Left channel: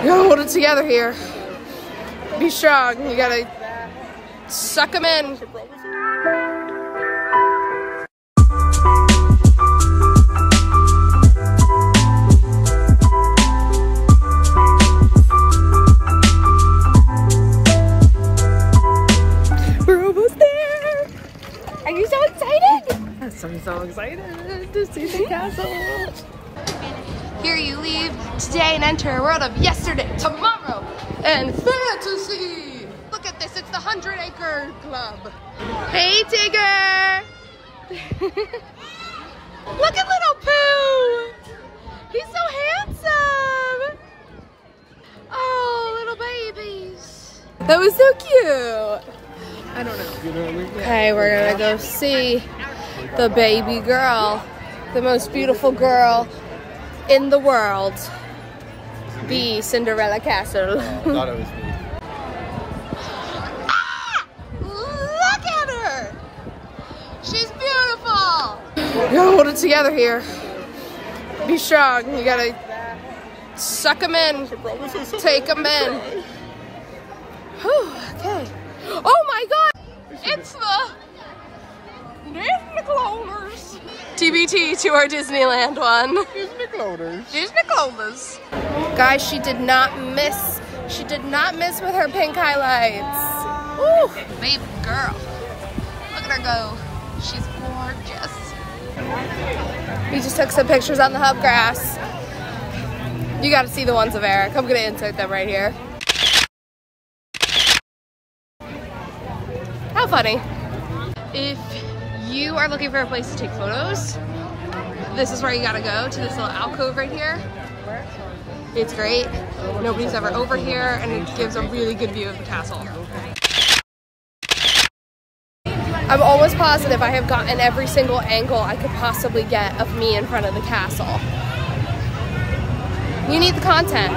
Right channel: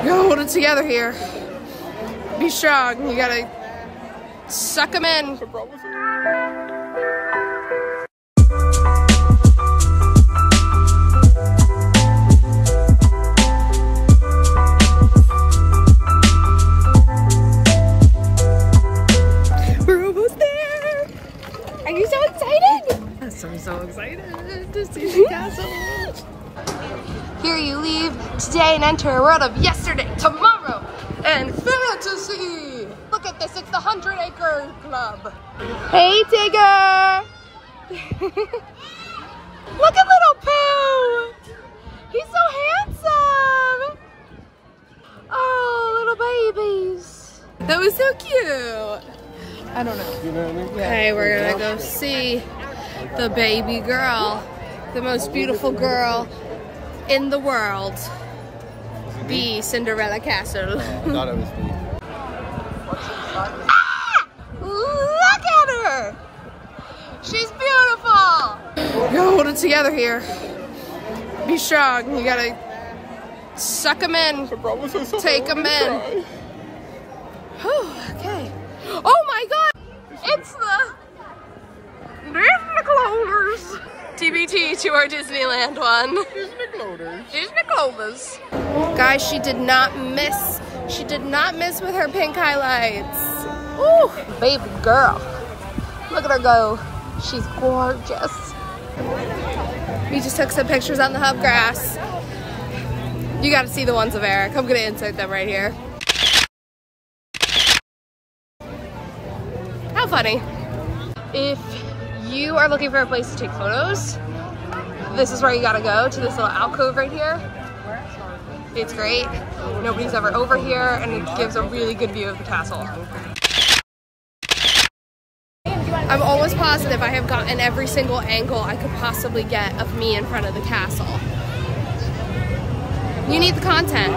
You gotta hold it together here. Be strong. You gotta suck them in. We're almost there. Are you so excited? Yes, I'm so excited to see the castle. Here you leave today and enter a world of yesterday, tomorrow, and fantasy. Look at this, it's the 100 Acre Club. Hey, Tigger. Look at little Pooh. He's so handsome. Oh, little babies. That was so cute. I don't know. Okay, we're gonna go see the baby girl, the most beautiful girl in the world, the Cinderella Castle. I thought it was me. Ah! Look at her! She's beautiful! You gotta hold it together here. Be strong. You gotta suck them in. Take them in. Whew, okay. Oh my god! It's the Disney Clovers! TBT to our Disneyland one. Disney Clovers. Disney Clovers. Guys, she did not miss. She did not miss with her pink highlights. Ooh, baby girl. Look at her go. She's gorgeous. We just took some pictures on the hub grass. You gotta see the ones of Eric. I'm gonna insert them right here. How funny. If you are looking for a place to take photos, this is where you gotta go, to this little alcove right here. It's great. Nobody's ever over here, and it gives a really good view of the castle. I'm almost positive I have gotten every single angle I could possibly get of me in front of the castle. You need the content.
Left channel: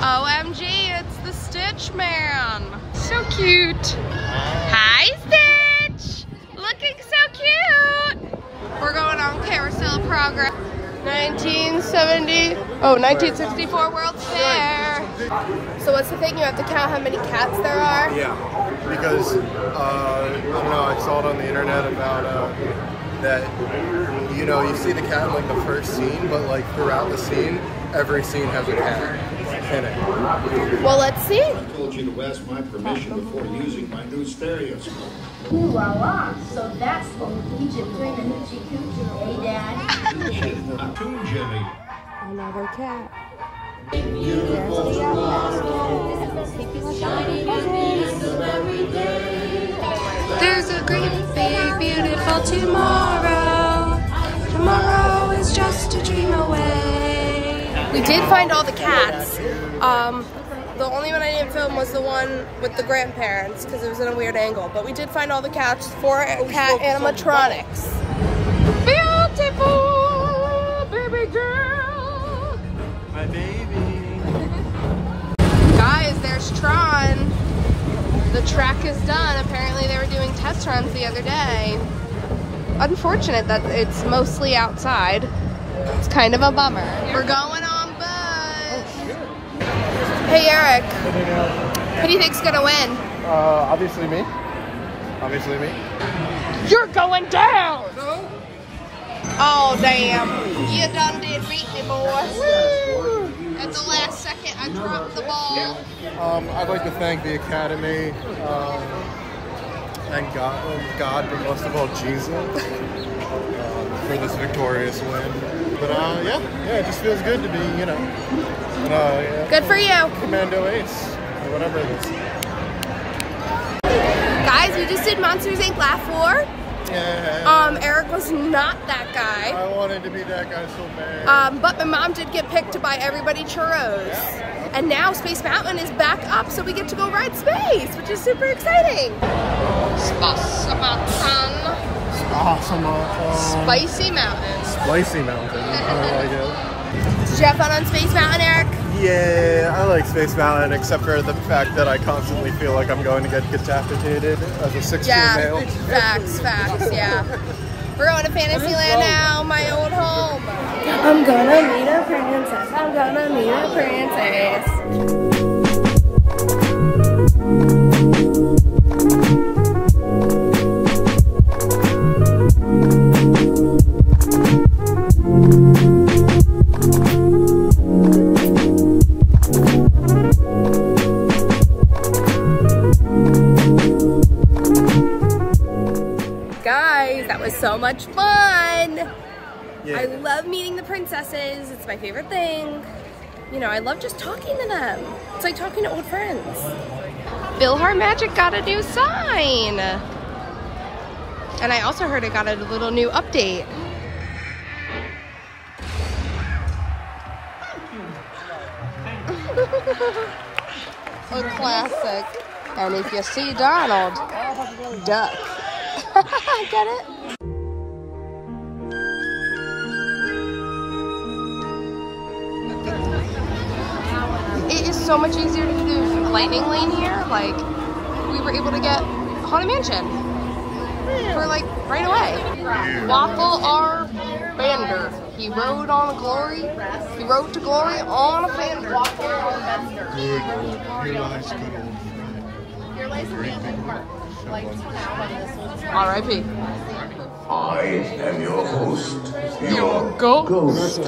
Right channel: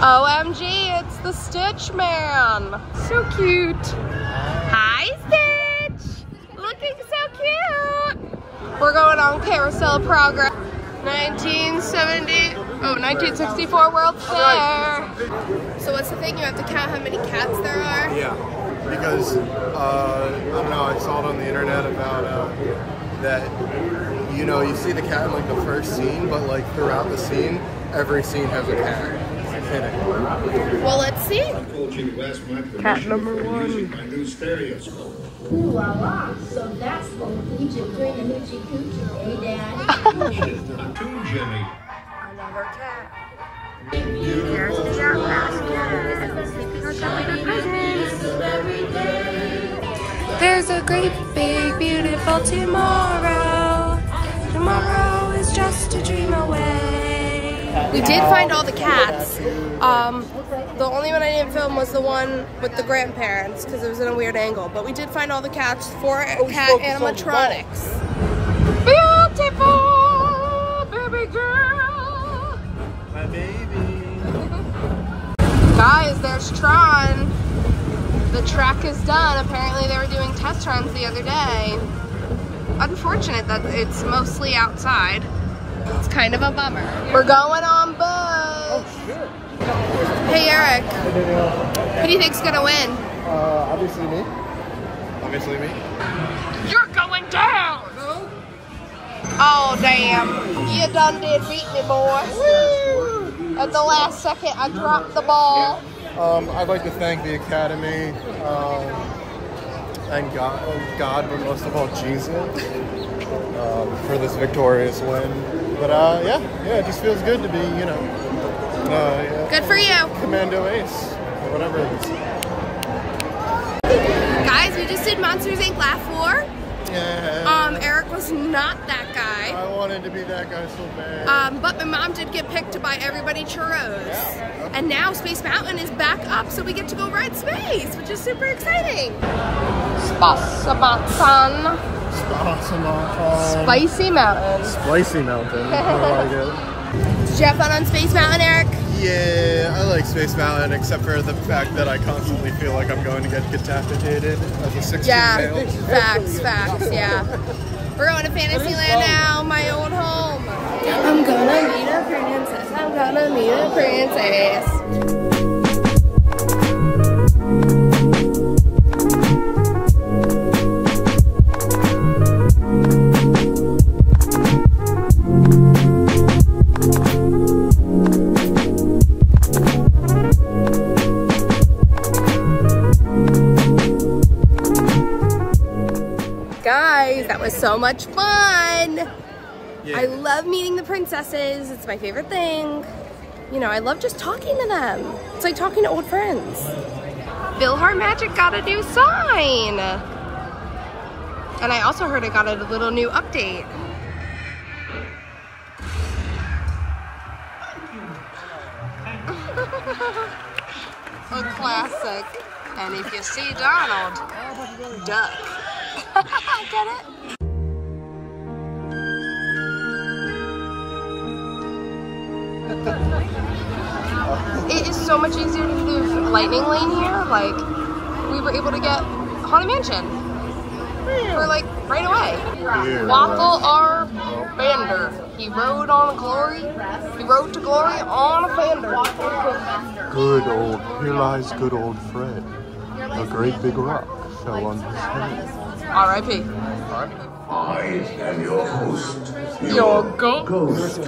OMG, it's the Stitch Man. So cute. Hi, Stitch. Looking so cute. We're going on Carousel Progress. 1964 World's Fair. So what's the thing? You have to count how many cats there are? Yeah, because, I don't know, I saw it on the internet about that, you know, you see the cat in like the first scene, but like throughout the scene, every scene has a cat in it. Well, let's see. I told you to ask my permission before using my new stereoscope. Ooh la la, so that's what Egypt doing the hoochie coochie, eh, Dad? Not too, Jimmy. Another cat. There's the outcast cat. Keeping us up with presents. There's a great big beautiful tomorrow. Tomorrow is just a dream away. We did find all the cats. The only one I didn't film was the one with the grandparents because it was in a weird angle. But we did find all the cats for cat animatronics. Beautiful baby girl. My baby. Guys, there's Tron. The track is done. Apparently they were doing test runs the other day. Unfortunate that it's mostly outside. It's kind of a bummer. We're going on Buzz. Hey Eric. Hey Danielle. Who do you think's gonna win? Obviously me. Obviously me. You're going down! No. Oh damn. You done did beat me, boy. At the last second I dropped the ball. I'd like to thank the Academy, and God, but most of all Jesus, for this victorious win. But yeah, it just feels good to be, you know, yeah, Good for you. Commando Ace, or whatever it is. Guys, we just did Monsters Inc. Laugh War. Yeah. Eric was not that guy. I wanted to be that guy so bad. But my mom did get picked to buy everybody churros. Yeah. And now Space Mountain is back up, so we get to go ride Space, which is super exciting. Spicy Mountain. Spicy Mountain. Spicy Mountain. I like it. Did you have fun on Space Mountain, Eric? Yeah, I like Space Mountain, except for the fact that I constantly feel like I'm going to get decapitated as a 16 male. Facts, yeah. We're going to Fantasyland now, my old home. I'm gonna meet a princess. I'm gonna meet a princess. Guys, that was so much fun. Yeah. I love meeting the princesses. It's my favorite thing. You know, I love just talking to them. It's like talking to old friends. Bill Hart Magic got a new sign. And I also heard it got a little new update. A classic. And if you see Donald, duck. Get it? It is so much easier to do lightning lane here. Like, we were able to get Haunted Mansion for like right away. Yeah, Waffle R. Bander. He rode on glory. He rode to glory on a Bander. Good old, here lies good old Fred. A great big rock fell on his head. R.I.P. I am your host. Your ghost.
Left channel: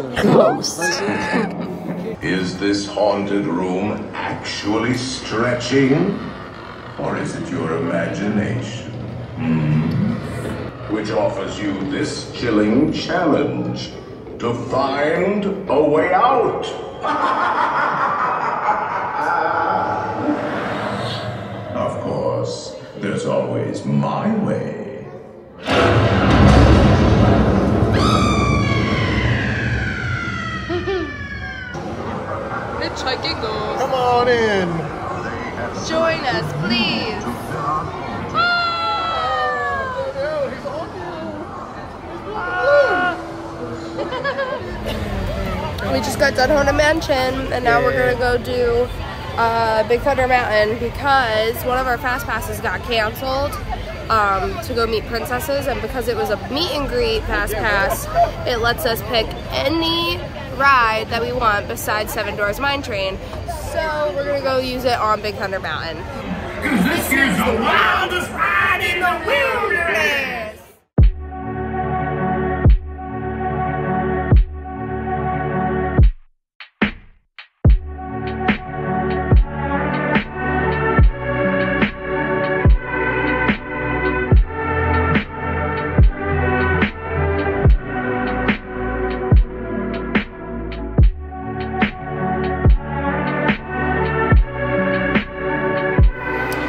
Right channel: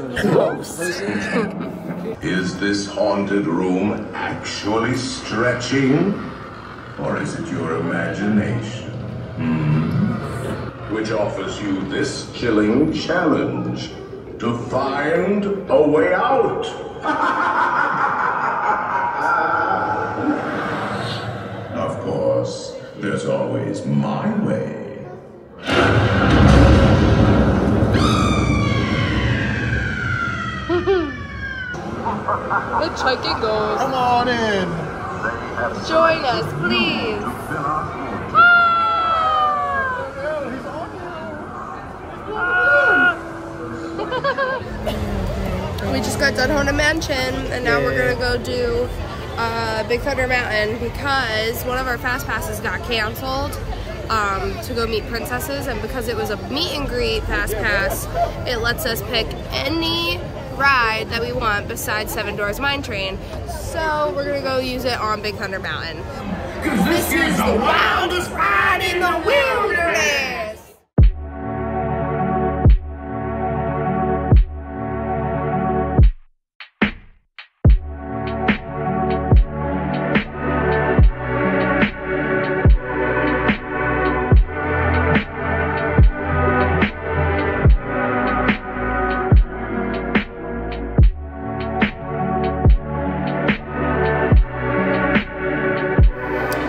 Is this haunted room actually stretching? Or is it your imagination? Which offers you this chilling challenge to find a way out. Of course, there's always my way. Hitchhiking goes. Come on in. Join us, please. We just got done Haunted Mansion, and now we're gonna go do Big Thunder Mountain because one of our fast passes got canceled to go meet princesses, and because it was a meet and greet fast pass, it lets us pick any ride that we want besides Seven Doors Mine Train. So we're gonna go use it on Big Thunder Mountain. Cause this is the wildest ride in the wilderness.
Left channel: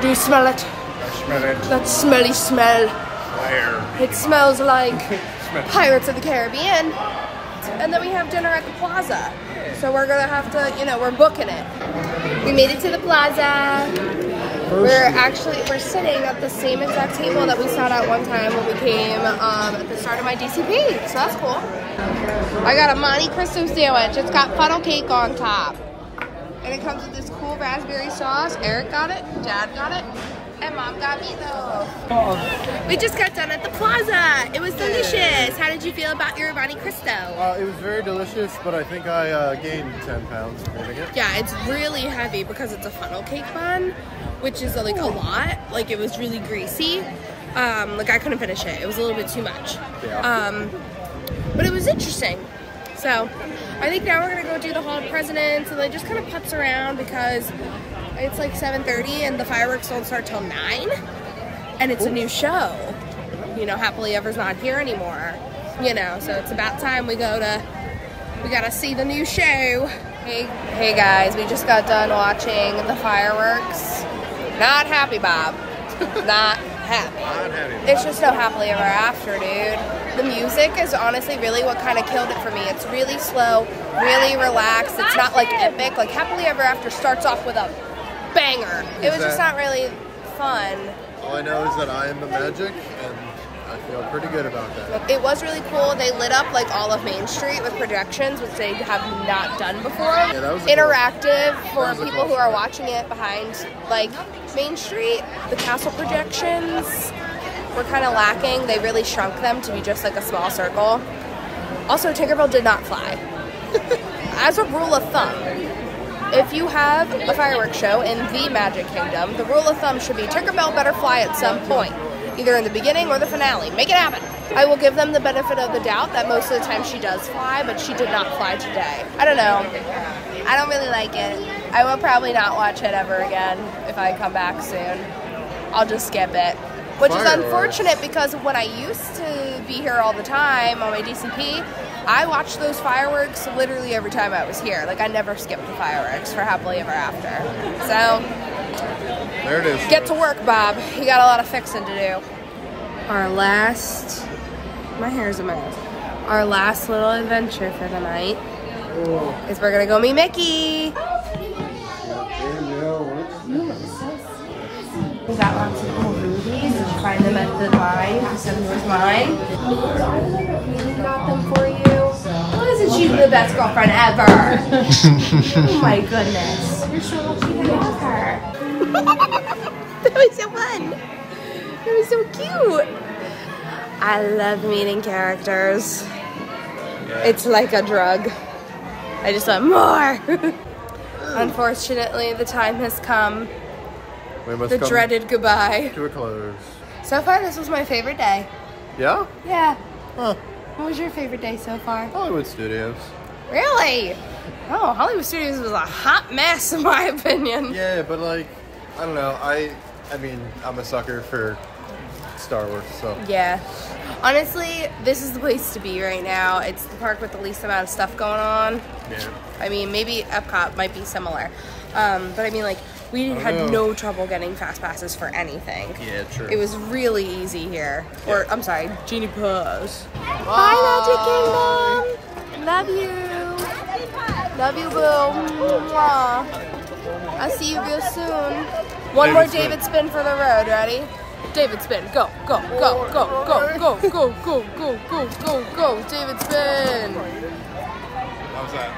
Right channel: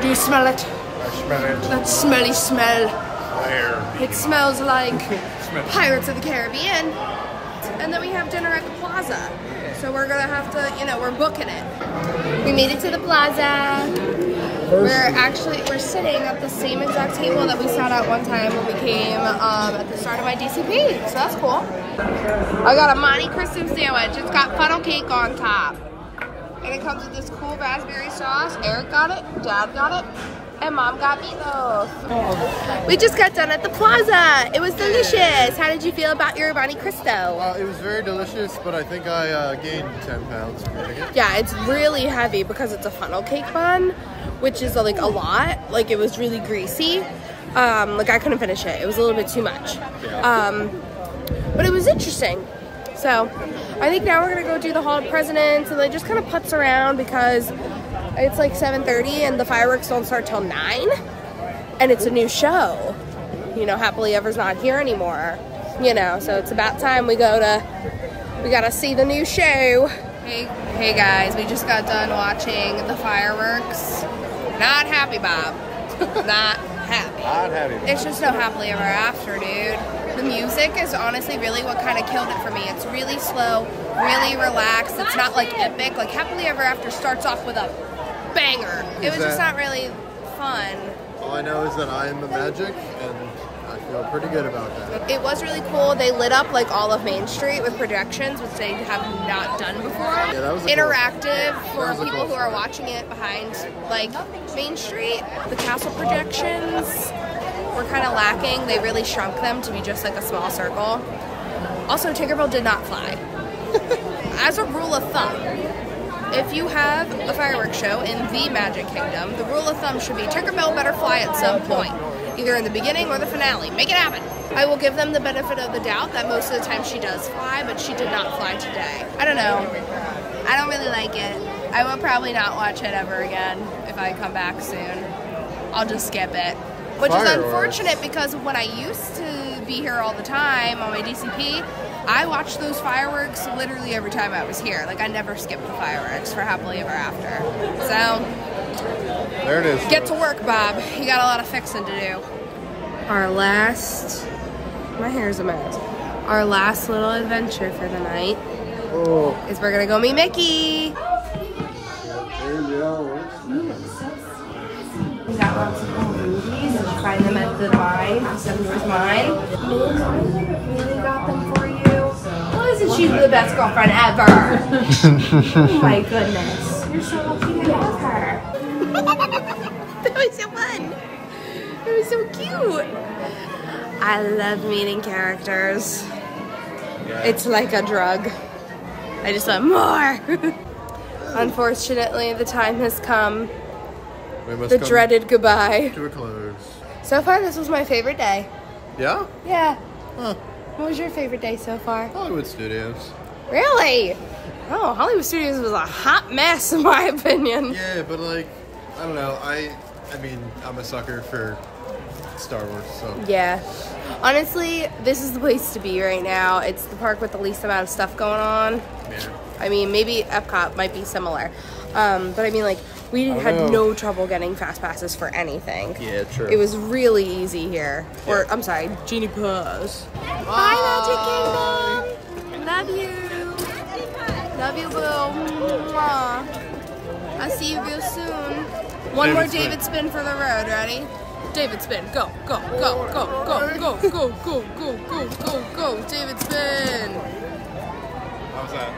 Do you smell it? I smell it. That smelly smell. Where? It smells like Pirates of the Caribbean. And then we have dinner at the plaza. So we're gonna have to, you know, we're booking it. We made it to the plaza. We're sitting at the same exact table that we sat at one time when we came at the start of my DCP. So that's cool. I got a Monte Cristo sandwich. It's got funnel cake on top. And it comes with this cool raspberry sauce. Eric got it, Dad got it, and Mom got meatloaf. We just got done at the plaza. It was delicious. How did you feel about your Monte Cristo? It was very delicious, but I think I gained 10 pounds from eating it. Yeah, it's really heavy because it's a funnel cake bun, which is like a lot. Like it was really greasy. Like I couldn't finish it. It was a little bit too much. Yeah. But it was interesting. So I think now we're gonna go do the Hall of Presidents and then just kind of putz around because it's like 7:30 and the fireworks don't start till 9. And it's a new show. You know, Happily Ever's not here anymore. You know, so it's about time we gotta see the new show. Hey guys, we just got done watching the fireworks. Not happy, Bob. Not happy. Not happy. It's just no Happily Ever After, dude. The music is honestly really what kind of killed it for me. It's really slow, really relaxed. It's not like epic. Like Happily Ever After starts off with a banger. It was just not really fun. All I know is that I am the magic, and I feel pretty good about that. It was really cool. They lit up like all of Main Street with projections, which they have not done before. Yeah, that was interactive for people who are watching it behind like Main Street. The castle projections. were kind of lacking. They really shrunk them to be just like a small circle. Also, Tinkerbell did not fly. As a rule of thumb, if you have a fireworks show in the Magic Kingdom, the rule of thumb should be Tinkerbell better fly at some point, either in the beginning or the finale. Make it happen. I will give them the benefit of the doubt that most of the time she does fly, but she did not fly today. I don't know. I don't really like it. I will probably not watch it ever again if I come back soon. I'll just skip it. Which is unfortunate because when I used to be here all the time on my DCP, I watched those fireworks literally every time I was here. Like, I never skipped the fireworks for Happily Ever After. So, there it is. Get to work, Bob. You got a lot of fixing to do. Our last, my hair's a mess. Our last little adventure for the night is we're gonna go meet Mickey. We got lots of cool movies. We'll find them at the line. December's mine. We got them for you. Well, isn't she the best girlfriend ever? Oh my goodness. You're so lucky to have her. That was so fun. That was so cute. I love meeting characters. It's like a drug. I just want more. Unfortunately, the time has come. The dreaded goodbye. To a close. So far, this was my favorite day. Yeah? Yeah. Huh. What was your favorite day so far? Hollywood Studios. Really? Oh, Hollywood Studios was a hot mess in my opinion. Yeah, but like, I don't know. I mean, I'm a sucker for Star Wars, so. Yeah. Honestly, this is the place to be right now. It's the park with the least amount of stuff going on. Yeah. I mean, maybe Epcot might be similar. But I mean, like, we had no trouble getting fast passes for anything. Yeah, true. It was really easy here. Or, I'm sorry, Genie Paws. Bye, Magic Kingdom! Love you! Love you, boo! Mwah. I'll see you real soon. One more David spin for the road, ready? David spin, go, go, go, go, go, go, go, go, go, go, go, go, David spin! How's that?